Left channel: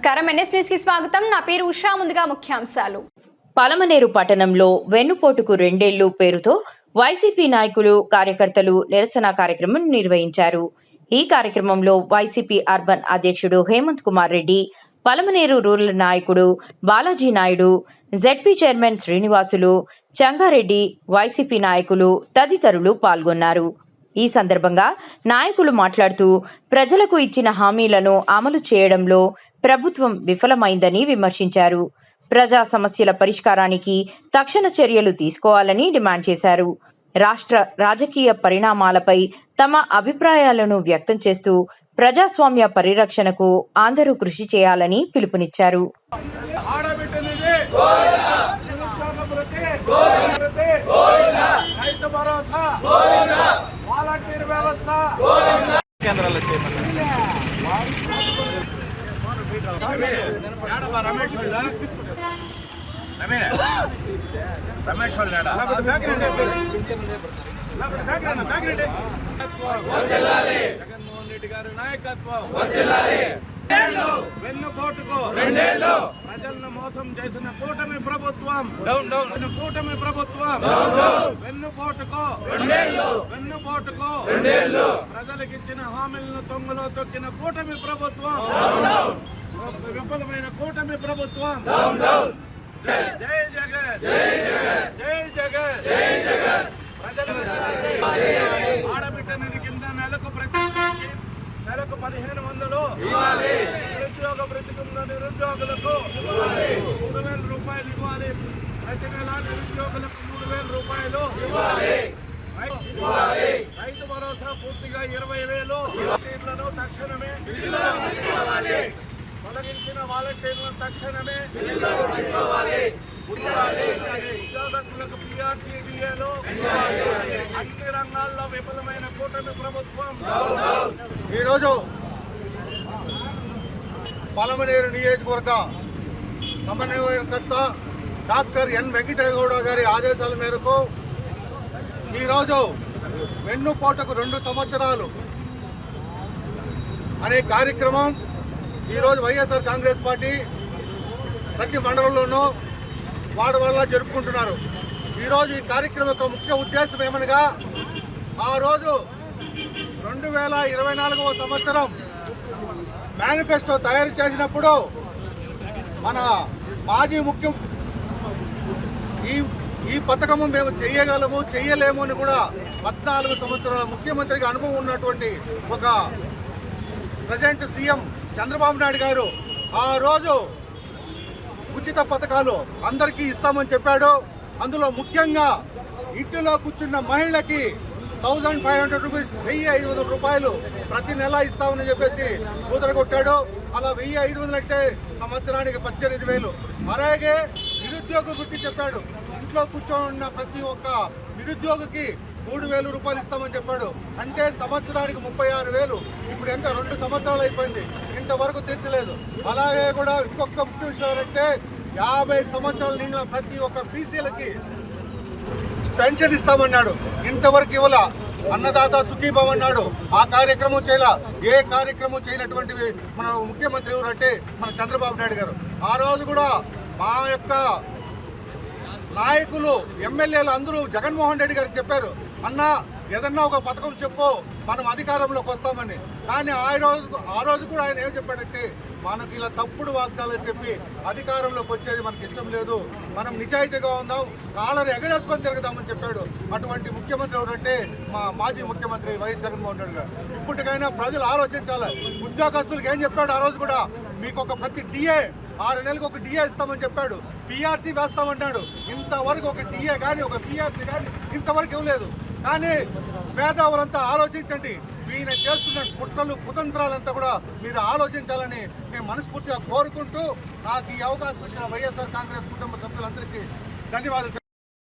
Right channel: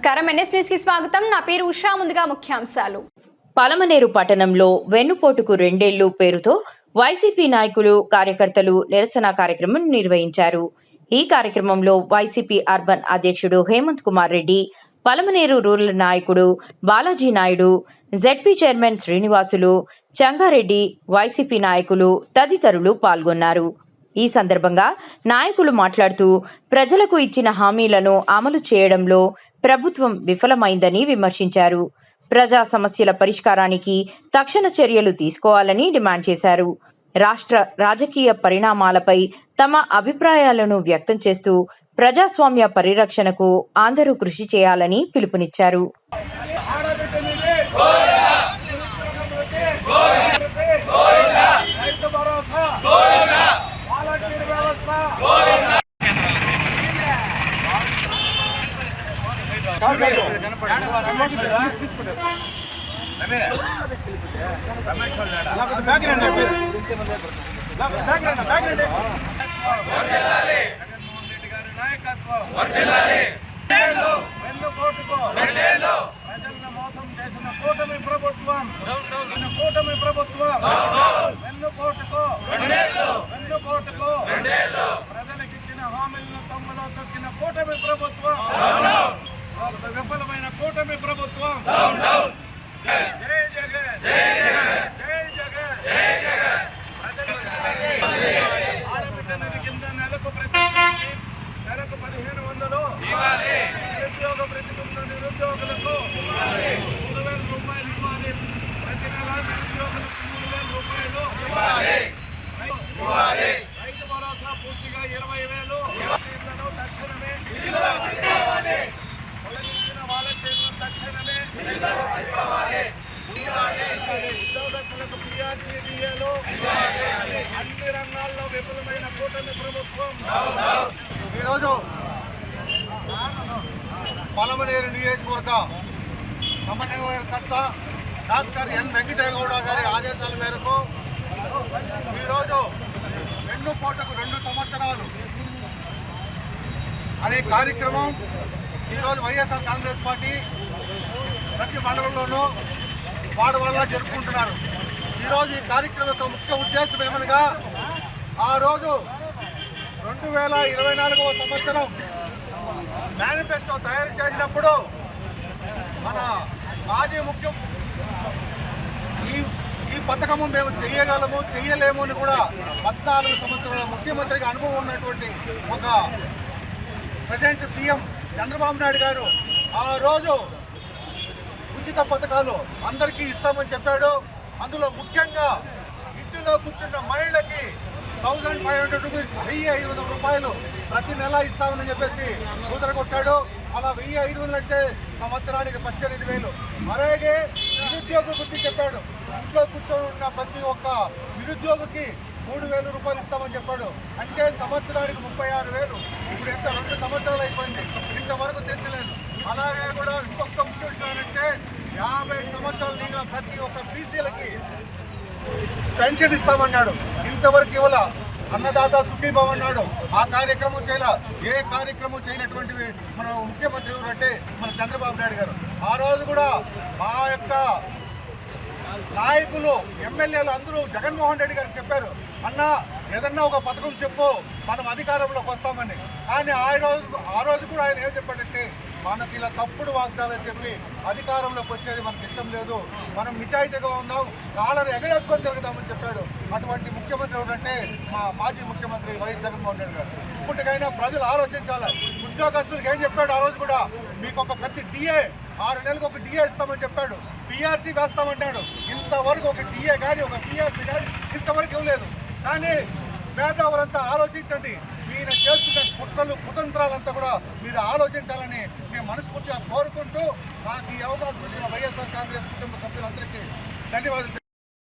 నమస్కారం NS news కి స్వాగతం. నా పేరు ఉషా. ముందుగా ముఖ్యాంశాలు. పలమనేరు పట్టణంలో వెన్నుపోటుకు 2 ఏళ్లు పేరుతో వైసీపీ నాయకులు కార్యకర్తలు నిరసన కార్యక్రమం నిర్వహించారు. ఈ కార్యక్రమంలో వైసీపీ అర్బన్ అధ్యక్షుడు హేమంత్ కుమార్ రెడ్డి, పలమనేరు రూరల్ నాయకుడు Balaji Naidu, ZP chairman Srinivasulu, Changa Reddy, YCP నాయకులు తదితరులు పాల్గొన్నారు. ఈ సందర్భంగా నాయకులు మాట్లాడుతూ ప్రజలకు ఇచ్చిన హామీలను అమలు చేయడంలో ప్రభుత్వం విఫలమైందని విమర్శించారు. ప్రజా సమస్యల పరిష్కారానికి తక్షణ చర్యలు తీసుకోవాలని డిమాండ్ చేశారు. రాష్ట్ర రాజకీయ పరిణామాలపై తమ అభిప్రాయాలను వ్యక్తం చేస్తూ ప్రజాస్వామ్య పరిరక్షణకు అందరూ కృషి చేయాలని పిలుపునిచ్చారు. ప్రజలను మోసం చేసిన కూటమి ప్రభుత్వం ప్రజలకు ఇచ్చిన హామీలను తొంగులో తొక్కిన కూటమి ప్రభుత్వం, విఫలమైన కూటమి ప్రభుత్వం. జై జగన్, జై జగన్. ఆడబిడ్డ నిధి కింద నెలకు 1500 నిరుద్యోగ భృతి కింద నిరుద్యోగులకు 3000 రూపాయలు ఇవ్వాలి. ప్రతి నెల నిరుద్యోగులకు 3000 రూపాయలు ఇవ్వాలి. రైతు భరోసా పూర్తిగా 20,000 వాలంటీర్లను తక్షణమే తొలగించిన వాలంటీర్లను తక్షణమే ఉద్యోగస్తులకు PRCDAలో అన్ని రంగాల్లో విఫలమైన కూటమి ప్రభుత్వం. ఈరోజు పలమనేరు నియోజకవర్గ సమన్వయకర్త డాక్టర్ ఎన్ వెంకటేగౌడ గారి ఆదేశాల మేరకు ఈరోజు వెన్నుపోటుకు 2 సంవత్సరాలు అనే కార్యక్రమం ఈరోజు వైఎస్ఆర్ కాంగ్రెస్ పార్టీ ప్రతి మండలంలోనూ వాడవల్ల జరుపుకుంటున్నారు. ఈరోజు ఈ కార్యక్రమం యొక్క ముఖ్య ఉద్దేశం ఏమనగా, ఆ రోజు 2024వ సంవత్సరం మేనిఫెస్టో తయారు చేసినప్పుడు మన మాజీ ముఖ్యం ఈ పథకము మేము చేయగలము చేయలేము అని కూడా 14 సంవత్సరాల ముఖ్యమంత్రిగా అనుభవం ఉన్నటువంటి ఒక ప్రజెంట్ సీఎం చంద్రబాబు నాయుడు గారు ఆ రోజు ఉచిత పథకాలు అందరికీ ఇస్తామని చెప్పాడు. అందులో ముఖ్యంగా ఇంటిలో కూర్చున్న మహిళకి 1500 రూపీస్, 1500 రూపాయలు ప్రతి నెల ఇస్తామని చెప్పేసి కుదరగొట్టాడు. అలా 1500 అంటే సంవత్సరానికి 18,000. అలాగే నిరుద్యోగ వృత్తి చెప్పాడు. ఇంట్లో కూర్చొని ప్రతి ఒక్క నిరుద్యోగికి 3,000 రూపాయలు ఇస్తామని చెప్పాడు. అంటే సంవత్సరానికి 36,000. ఇప్పుడు ఎంత 2 సంవత్సరాలు అయిపోయింది, ఇంతవరకు తీర్చలేదు. అలాగే కూడా ఇంకొక ముఖ్య విషయం ఏంటంటే 50 సంవత్సరాలు నిండిన ప్రతి ఒక్క బీసీలకి పెన్షన్ ఇస్తామన్నాడు, ఇంతవరకు ఇవ్వాల. అన్నదాత సుఖీభావ అన్నాడు, ఆ కార్యక్రమం చేయలా. ఏ కార్యక్రమం చేయనటువంటి మన ముఖ్యమంత్రి ఎవరంటే మన చంద్రబాబు నాయుడు గారు. ఆ రోజు కూడా మా యొక్క నాయకులు ఎమ్మెల్యేలు అందరూ జగన్మోహన్ రెడ్డి గారికి చెప్పారు, అన్న ఏదన్నా ఒక పథకం చెప్పు మనం అధికారంలోకి వస్తామని. కానీ ఆ రోజు కూడా ఆయన ఏం చెప్పాడంటే, మనకి ఇలా తప్పుడు వాగ్దానాలు చెప్పి అధికారంలోకి వచ్చేది మనకి ఇష్టం లేదు, మనం నిజాయితీగా ఉందాం, కాళ్ళను ఎగరేసుకొని తిరగదామని చెప్పాడు. అటువంటి ముఖ్యమంత్రి ఎవరంటే మా మాజీ ముఖ్యమంత్రి వైఎస్ జగన్మోహన్ రెడ్డి గారు. ఇప్పటికైనా ప్రజలు ఆలోచించాలి. ఉద్యోగస్తులకు ఏం చెప్పాడు ఆ రోజు కూడా, మీకు ఒక ప్రతి డిఏ 6 నెలలకు ఒక డిఏ ఇస్తామని చెప్పాడు. PRC వేస్తామన్నాడు, ఇంతవరకు ఒక డిఏ కానీ ఒక PRC కానీ ఇంతవరకు ఇవ్వలేదు. కానీ పేదవారంతా ఆలోచించండి, ఈయన చేస్తున్న కుట్రలు కుతంత్రాలంతా కూడా మీరు ఆలోచించాలని మేము మనస్ఫూర్తిగా కోరుకుంటూ నాకు ఈ అవకాశం ఇచ్చిన వైఎస్ఆర్ కాంగ్రెస్ కుటుంబ సభ్యులందరికీ ధన్యవాదాలు.